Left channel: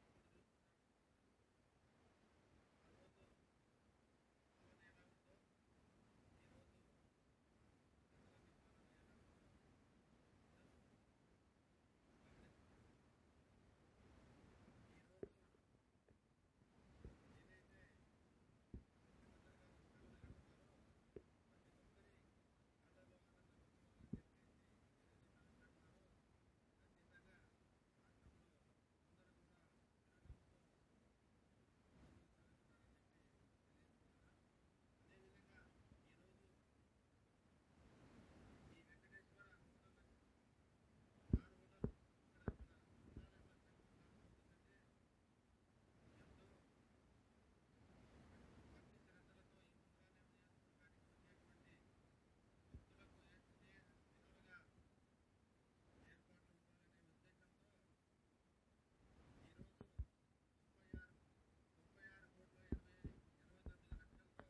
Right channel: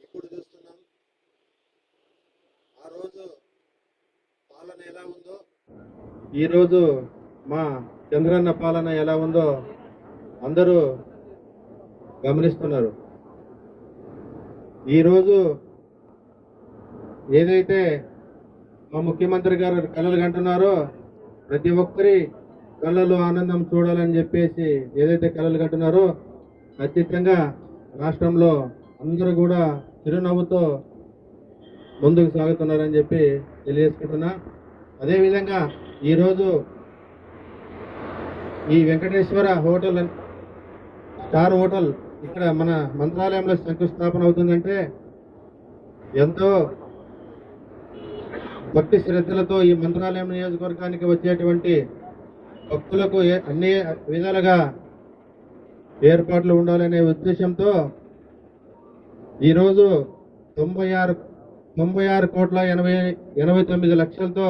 ఎప్పుడు చూస్తున్నాం. ఆ రోజు పాలన ఎలా ఉందో? ఈరోజు మా చంద్రన్న పాలన ఎలా ఉందో అందరూ గమనిస్తున్నారు. ఈరోజు ఏదైతే మా ముఖ్యమంత్రి గారు కళలు కంటున్నారో ప్రతి ఒక్కరి కళ్ళలో ఆనందం చూడాలని చెప్పేసి ఏదైతే కళలు కంటున్నారో ఖచ్చితంగా రాష్ట్రంలో అందరూ కూడా చిరునవ్వుతో ముందుకు సాగుతున్నారని చెప్పి తెలియజేసుకుంటున్నా. అదేవిధంగా ఈరోజు ఈ వెంకటేశ్వర హోటల్ స్టార్ హోటల్ ఇక్కడ మన మంత్రాలయంలో శంకుస్థాపన అవుతుందంటే ఎంతో భక్తి శ్రద్ధలతో ఈ మంత్రాలయం నియోజకవర్గానికి వచ్చేటువంటి భక్తులకు అన్ని విధాలుగా ఏర్పాట్లు ఉండాలనే ఉద్దేశంతో ఈరోజు తొంభై ఆరు తొంభై ఆరు కోట్ల ఎనభై ఎనభై తొమ్మిది లక్షలతో